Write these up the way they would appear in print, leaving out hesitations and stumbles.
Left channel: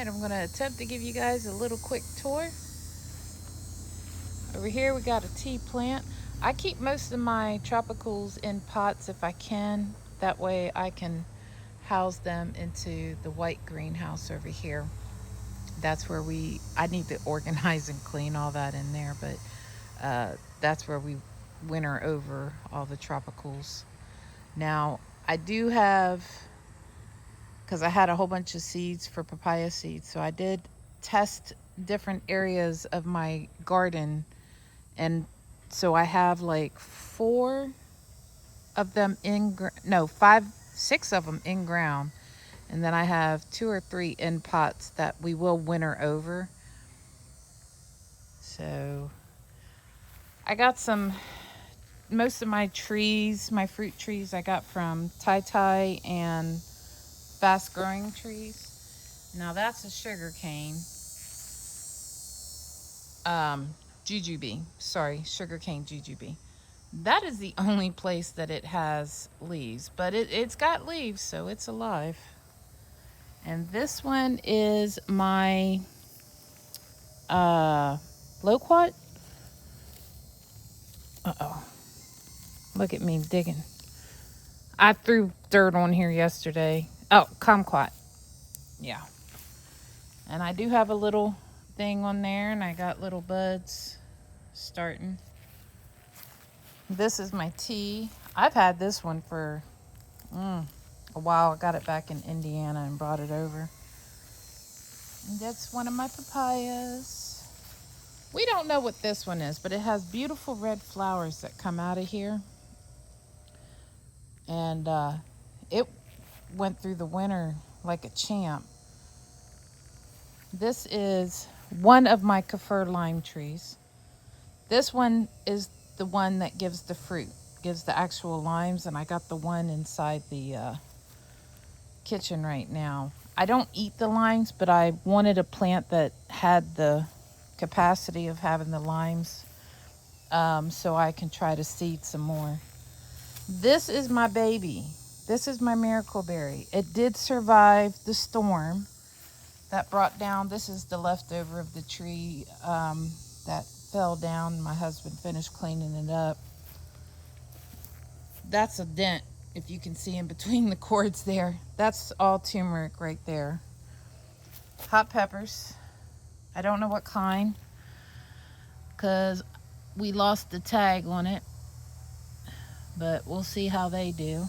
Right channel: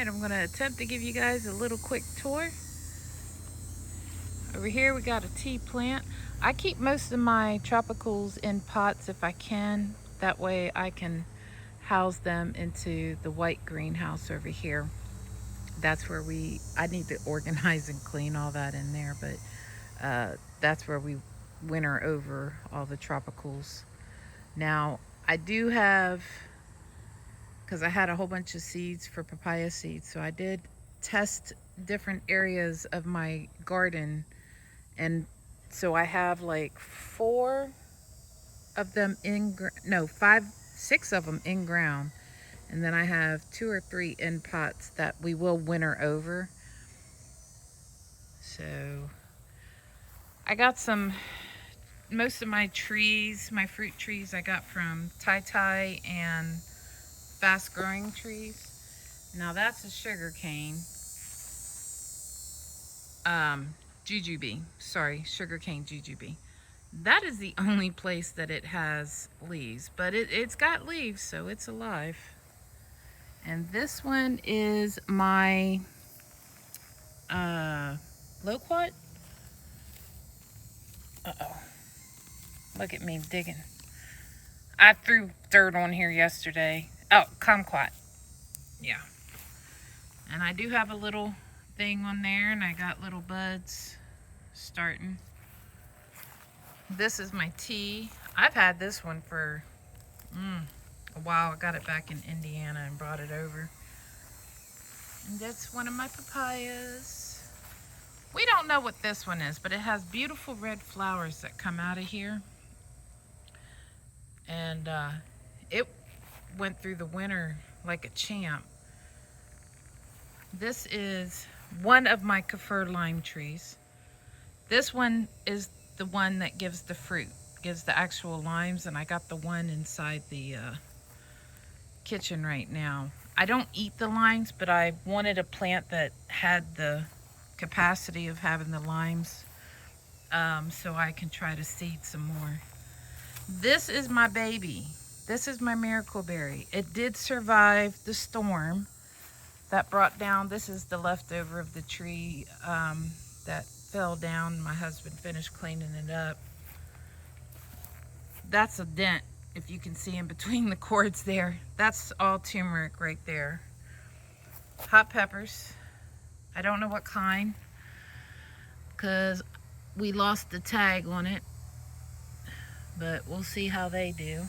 Alright, I'm going to attempt to give you guys a little quick tour. Over here we got a tea plant. I keep most of my tropicals in pots if I can. That way I can house them into the white greenhouse over here. That's where I need to organize and clean all that in there, but that's where we winter over all the tropicals. Now, I do have, because I had a whole bunch of seeds for papaya seeds, so I did test different areas of my garden. And so I have like four of them no, five, six of them in ground. And then I have two or three in pots that we will winter over. So I got most of my trees, my fruit trees, I got from Tai Tai and Fast Growing Trees. Now that's a sugar cane. Jujube. Sorry, sugarcane jujube. That is the only place that it has leaves, but it's got leaves, so it's alive. And this one is my loquat. Uh-oh. Look at me digging. I threw dirt on here yesterday. Oh, kumquat. Yeah. And I do have a little thing on there, and I got little buds starting. This is my tea. I've had this one for a while. I got it back in Indiana and brought it over. And that's one of my papayas. We don't know what this one is, but it has beautiful red flowers that come out of here. And it went through the winter like a champ. This is one of my Kafir lime trees. This one is the one that gives the fruit, gives the actual limes, and I got the one inside the kitchen right now. I don't eat the limes, but I wanted a plant that had the capacity of having the limes, so I can try to seed some more. This is my baby. This is my miracle berry. It did survive the storm that brought down, this is the leftover of the tree that fell down. My husband finished cleaning it up. That's a dent, if you can see in between the cords there. That's all turmeric right there. Hot peppers. I don't know what kind, because we lost the tag on it, but we'll see how they do.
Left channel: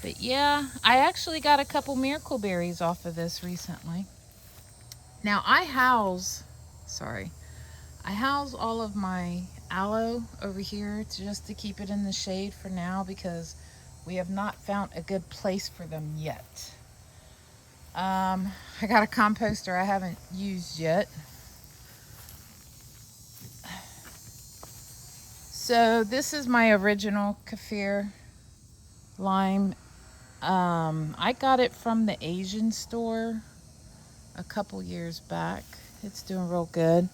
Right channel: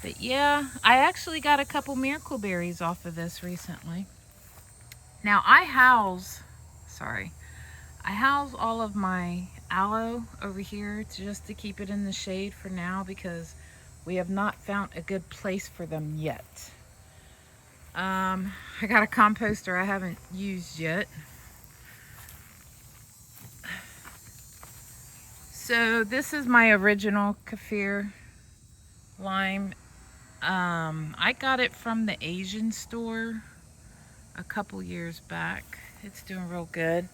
But yeah, I actually got a couple miracle berries off of this recently. Now I house all of my aloe over here just to keep it in the shade for now, because we have not found a good place for them yet. I got a composter I haven't used yet. So this is my original Kafir lime. I got it from the Asian store a couple years back. It's doing real good.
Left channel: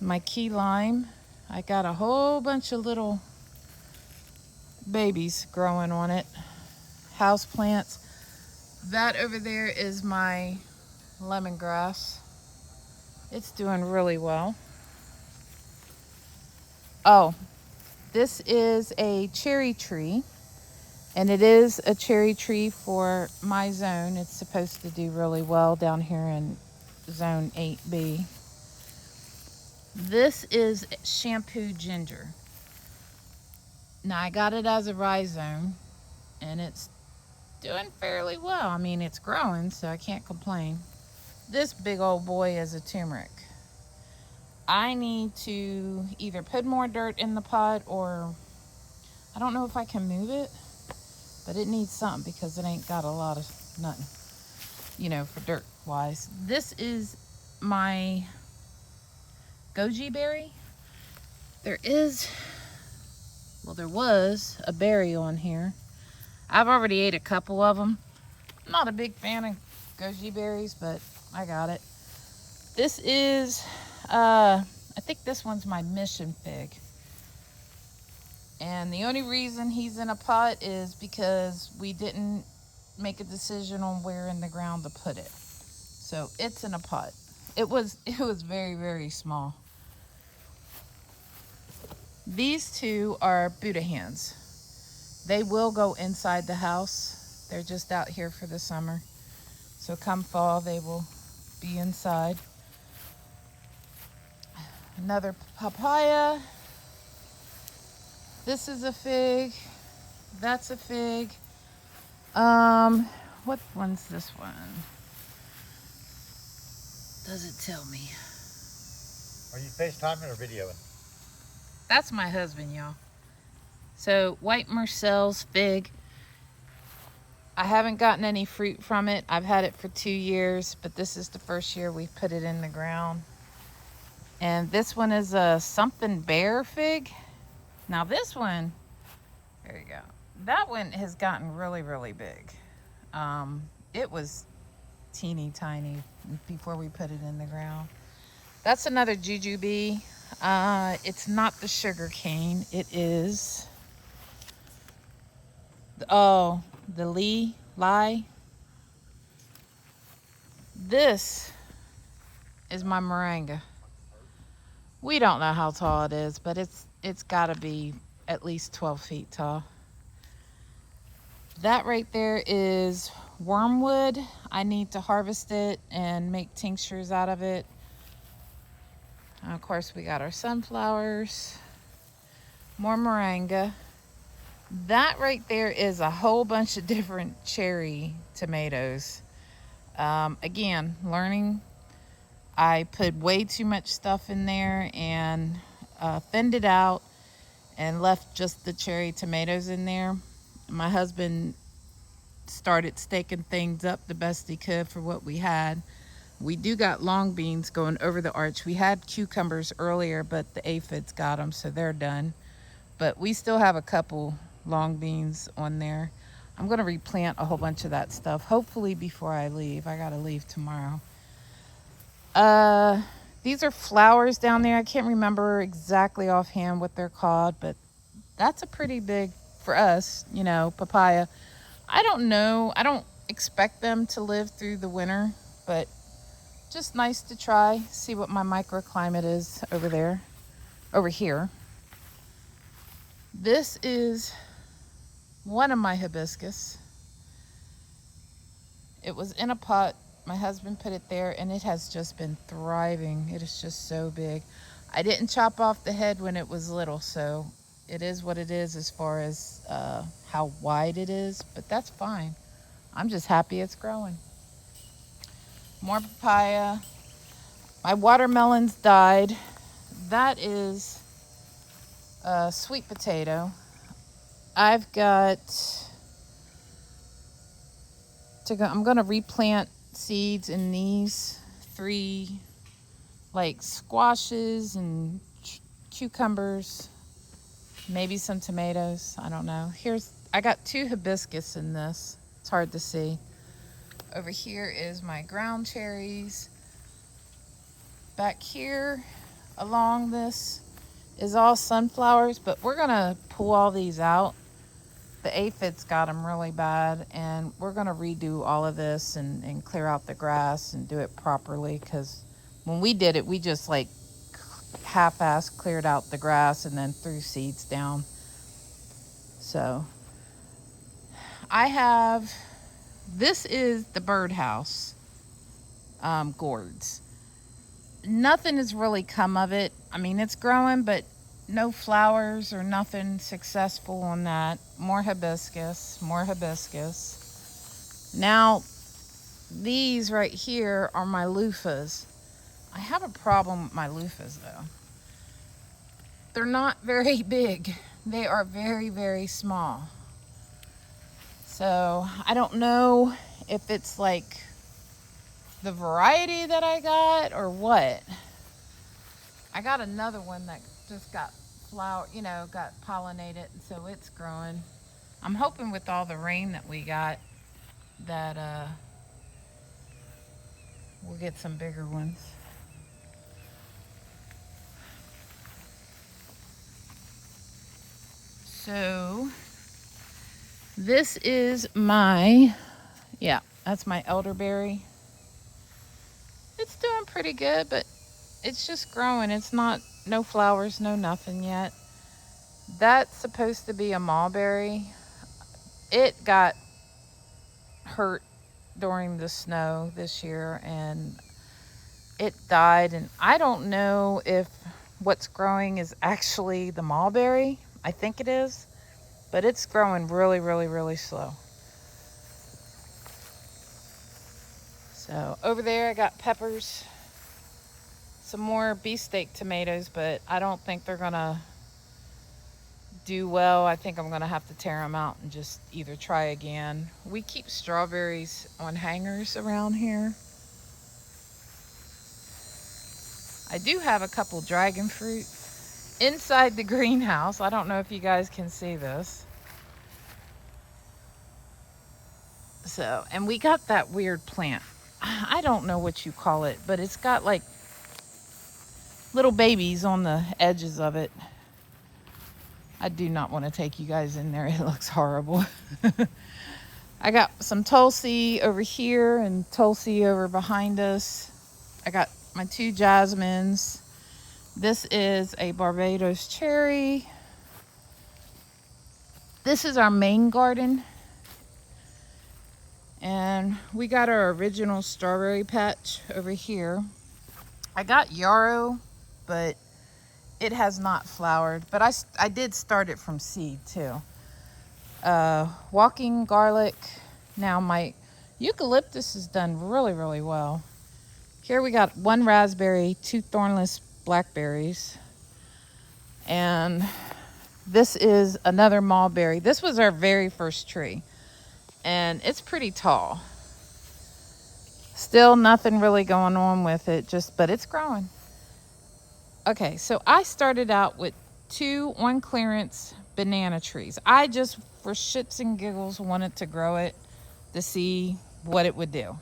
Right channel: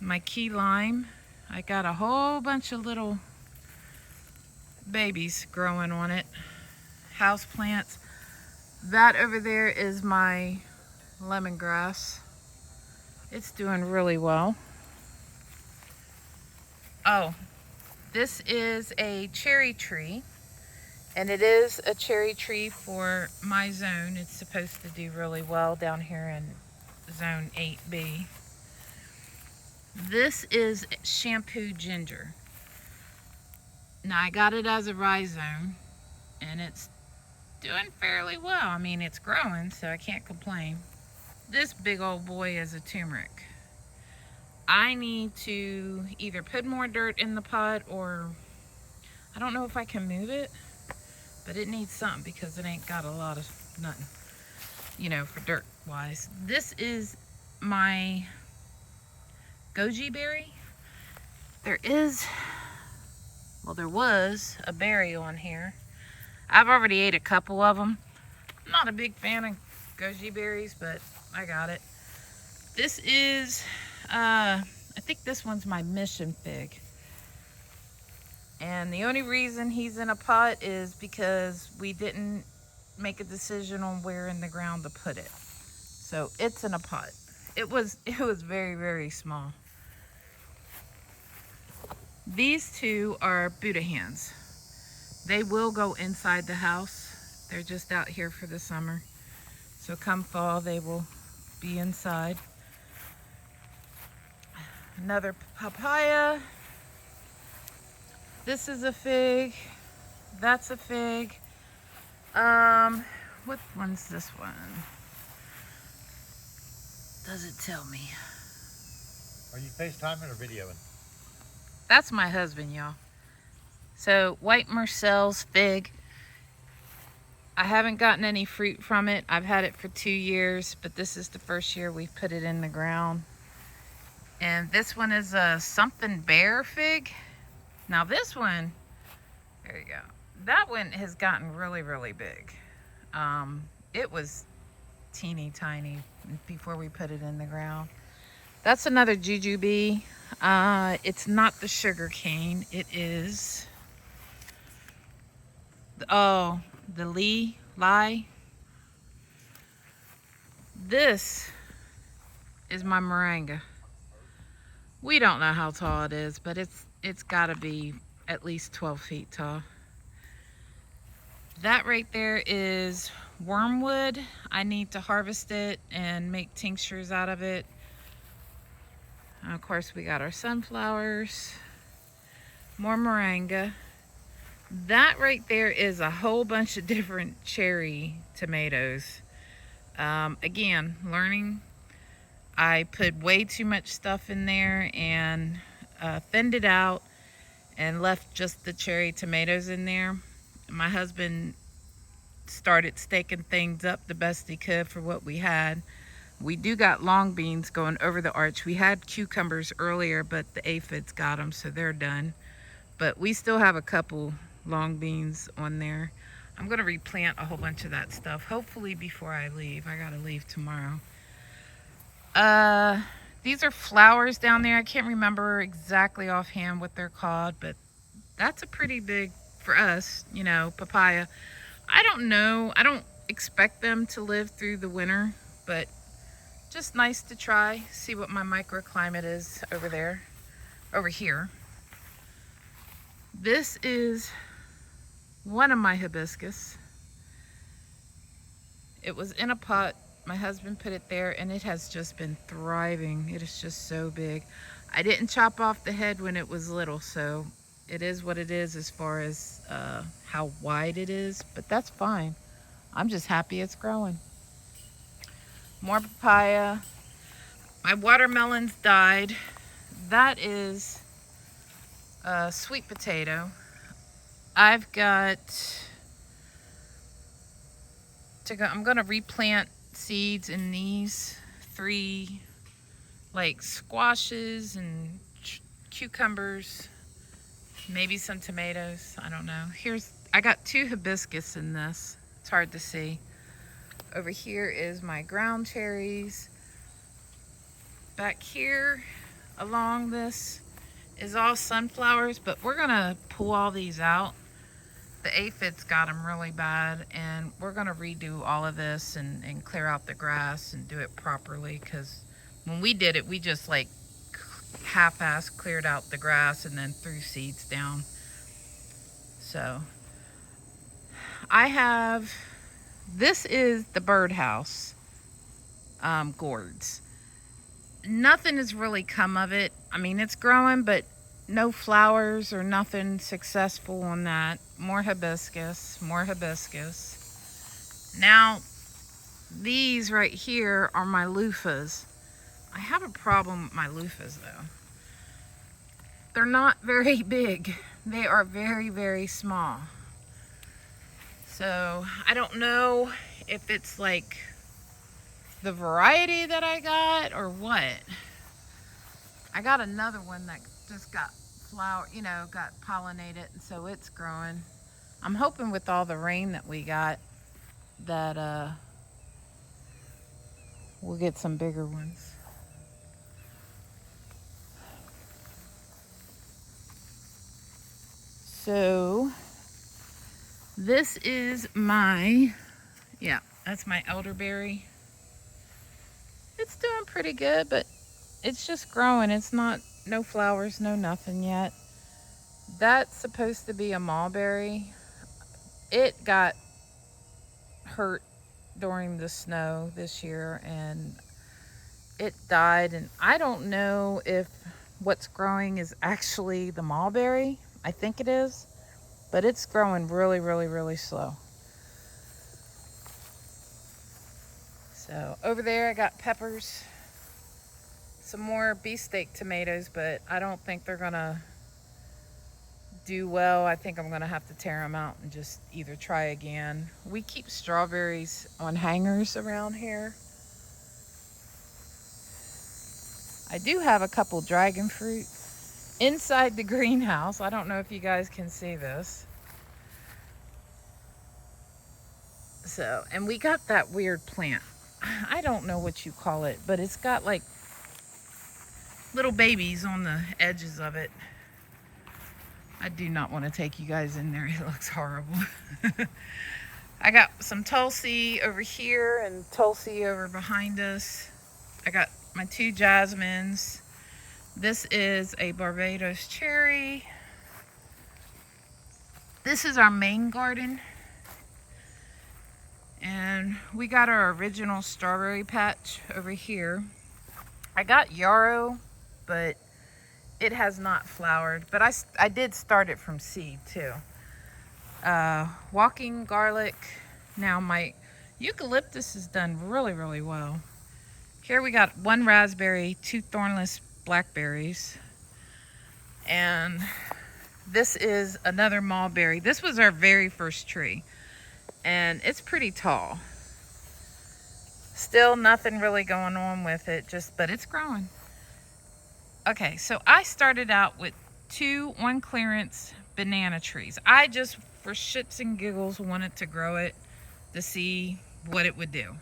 My key lime, I got a whole bunch of little babies growing on it. House plants. That over there is my lemongrass. It's doing really well. Oh, this is a cherry tree, and it is a cherry tree for my zone. It's supposed to do really well down here in zone 8B. This is shampoo ginger. Now I got it as a rhizome, and it's doing fairly well. I mean, it's growing, so I can't complain. This big old boy is a turmeric. I need to either put more dirt in the pot, or I don't know if I can move it, but it needs something because it ain't got a lot of nothing, for dirt wise. This is my goji berry. There was a berry on here. I've already ate a couple of them. I'm not a big fan of goji berries, but I got it. This is, I think this one's my mission fig. And the only reason he's in a pot is because we didn't make a decision on where in the ground to put it. So it's in a pot. It was very, very small. These two are Buddha hands. They will go inside the house. They're just out here for the summer. So come fall, they will be inside. Another papaya. This is a fig. That's a fig. What one's this one? Does it tell me? Are you FaceTiming or videoing? That's my husband, y'all. So white Marcel's fig. I haven't gotten any fruit from it. I've had it for 2 years, but this is the first year we've put it in the ground. And this one is a something bear fig. Now this one, there you go. That one has gotten really, really big. It was teeny tiny before we put it in the ground. That's another jujube. It's not the sugar cane. It is, oh, the lie. This is my moringa. We don't know how tall it is, but it's got to be at least 12 feet tall. That right there is wormwood. I need to harvest it and make tinctures out of it. And of course, we got our sunflowers, more moringa. That right there is a whole bunch of different cherry tomatoes. Again, learning. I put way too much stuff in there and thinned it out and left just the cherry tomatoes in there. My husband started staking things up the best he could for what we had. We do got long beans going over the arch. We had cucumbers earlier, but the aphids got them, so they're done. But we still have a couple long beans on there. I'm gonna replant a whole bunch of that stuff, hopefully before I leave. I gotta leave tomorrow. These are flowers down there. I can't remember exactly offhand what they're called, but that's a pretty big, for us, you know, papaya. I don't know. I don't expect them to live through the winter, but just nice to try, see what my microclimate is over here. This is one of my hibiscus. It was in a pot. My husband put it there and it has just been thriving. It is just so big. I didn't chop off the head when it was little, so it is what it is as far as how wide it is, but that's fine. I'm just happy it's growing. More papaya. My watermelons died. That is a sweet potato. I've got to go, I'm gonna replant seeds in these 3 like squashes and cucumbers, maybe some tomatoes, I don't know. I got 2 hibiscus in this. It's hard to see. Over here is my ground cherries. Back here along this is all sunflowers, but we're gonna pull all these out. The aphids got them really bad, and we're gonna redo all of this and clear out the grass and do it properly, because when we did it, we just like half-ass cleared out the grass and then threw seeds down. So this is the birdhouse gourds. Nothing has really come of it. I mean, it's growing, but no flowers or nothing successful on that. More hibiscus. Now, these right here are my loofahs. I have a problem with my loofahs though. They're not very big. They are very, very small. So I don't know if it's like the variety that I got or what. I got another one that just got got pollinated, and so it's growing. I'm hoping with all the rain that we got that we'll get some bigger ones. So this is that's my elderberry. It's doing pretty good, but it's just growing. It's not, no flowers, no nothing yet. That's supposed to be a mulberry. It got hurt during the snow this year and it died. And I don't know if what's growing is actually the mulberry. I think it is, but it's growing really, really, really slow. So over there I got peppers, some more beefsteak tomatoes, but I don't think they're gonna do well. I think I'm gonna have to tear them out and just either try again. We keep strawberries on hangers around here. I do have a couple dragon fruit inside the greenhouse. I don't know if you guys can see this. So, and we got that weird plant. I don't know what you call it, but it's got like little babies on the edges of it. I do not want to take you guys in there. It looks horrible. I got some Tulsi over here and Tulsi over behind us. I got my 2 jasmines. This is a Barbados cherry. This is our main garden. And we got our original strawberry patch over here. I got yarrow, but it has not flowered. But I did start it from seed too. Walking garlic. Now my eucalyptus has done really, really well. Here we got 1 raspberry, 2 thornless blackberries. And this is another mulberry. This was our very first tree. And it's pretty tall. Still nothing really going on with it, but it's growing. Okay, so I started out with 2 on clearance banana trees. I just, for shits and giggles, wanted to grow it to see what it would do.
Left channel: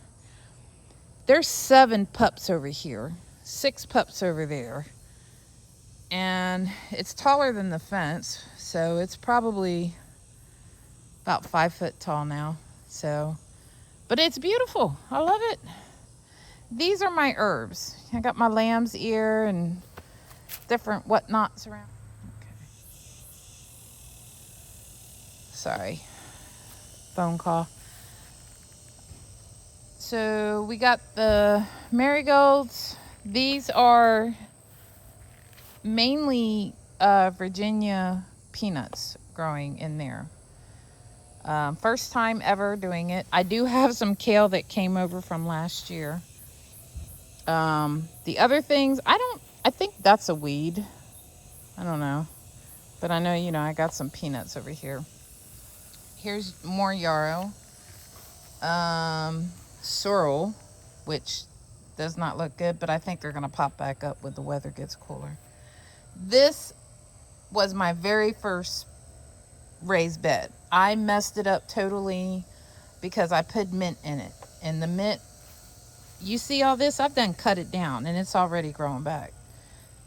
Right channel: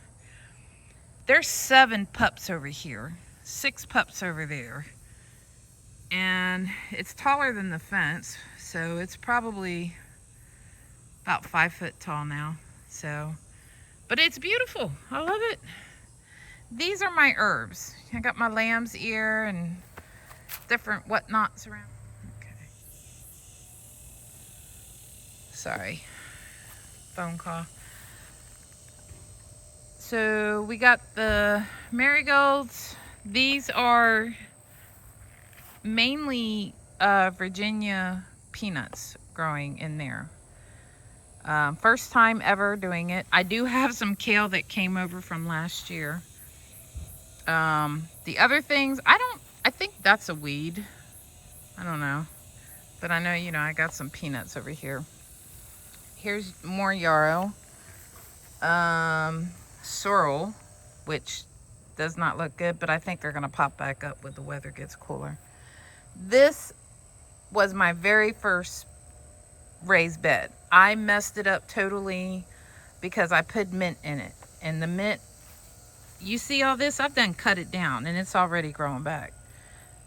There's 7 pups over here, 6 pups over there, and it's taller than the fence, so it's probably about 5 foot tall now. So, but it's beautiful. I love it. These are my herbs. I got my lamb's ear and different whatnots around. Okay. Sorry, phone call. So we got the marigolds. These are mainly Virginia peanuts growing in there. First time ever doing it. I do have some kale that came over from last year. The other things, I think that's a weed. I don't know. But I know, I got some peanuts over here. Here's more yarrow. Sorrel, which does not look good, but I think they're gonna pop back up when the weather gets cooler. This was my very first raised bed. I messed it up totally because I put mint in it. And the mint, you see all this? I've done cut it down and it's already growing back.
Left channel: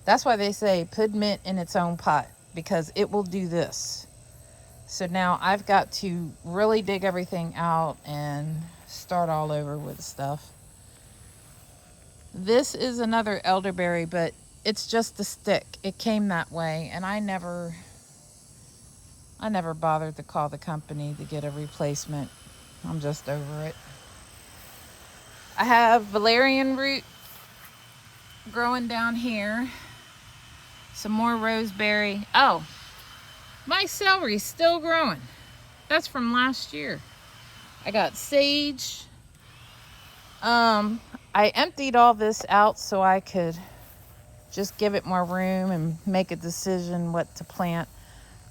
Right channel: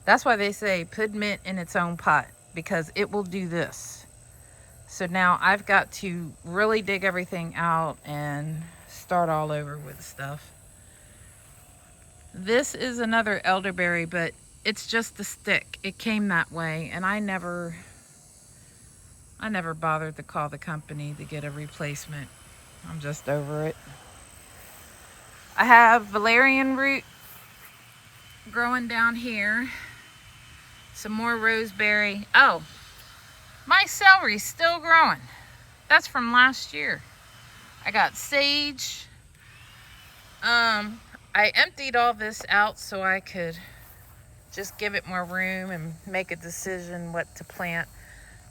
That's why they say put mint in its own pot, because it will do this. So now I've got to really dig everything out and start all over with stuff. This is another elderberry, but it's just a stick. It came that way, and I never bothered to call the company to get a replacement. I'm just over it. I have valerian root growing down here. Some more roseberry. Oh, my celery's still growing. That's from last year. I got sage. I emptied all this out so I could just give it more room and make a decision what to plant.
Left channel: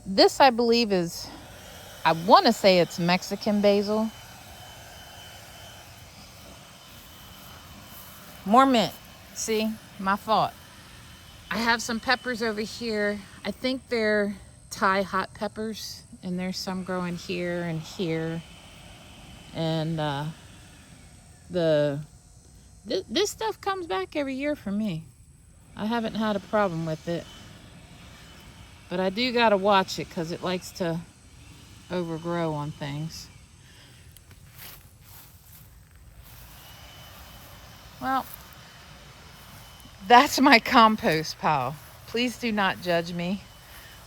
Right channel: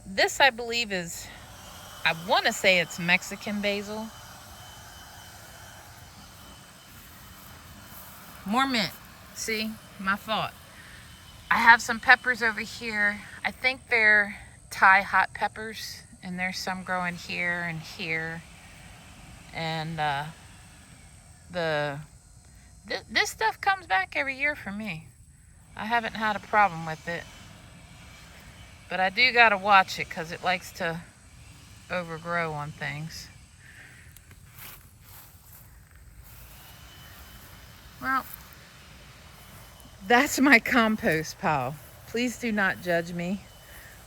This, I believe, is, I want to say it's Mexican basil. More mint. See, my fault. I have some peppers over here. I think they're Thai hot peppers, and there's some growing here and here. And this stuff comes back every year for me. I haven't had a problem with it. But I do gotta watch it because it likes to overgrow on things. Well, That's my compost pile. Please do not judge me.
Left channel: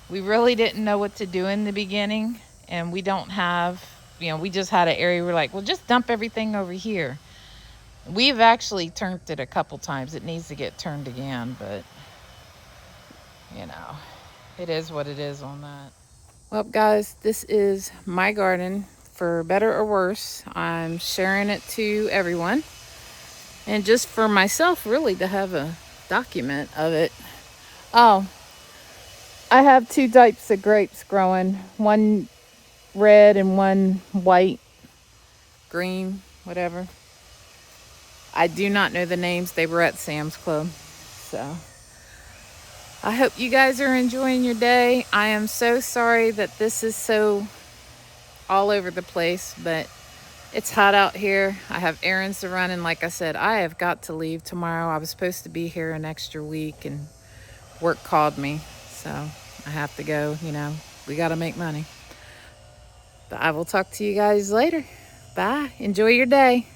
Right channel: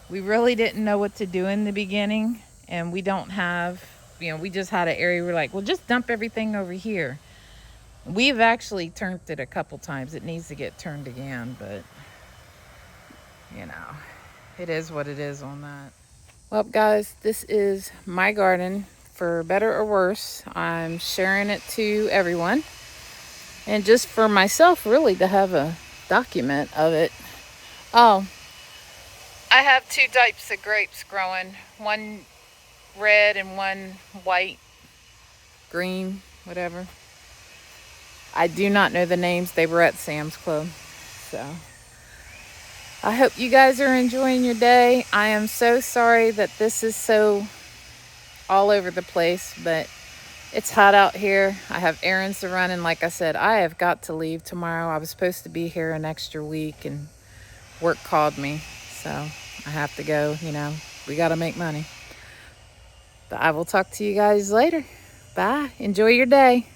We really didn't know what to do in the beginning, and we don't have, we just had an area we're like, well, just dump everything over here. We've actually turned it a couple times. It needs to get turned again, but it is what it is on that. Well, guys, this is my garden. For better or worse, I'm sharing it to everyone, and just for myself, really, to have a document of it. Oh, I have two types of grapes growing, one red and one white, green, whatever. I do not know the names. They were at Sam's Club. So I hope you guys are enjoying your day. I am so sorry that this is so all over the place, but it's hot out here. I have errands to run, and like I said, I have got to leave tomorrow. I was supposed to be here an extra week, and work called me, so I have to go. We got to make money. But I will talk to you guys later. Bye. Enjoy your day.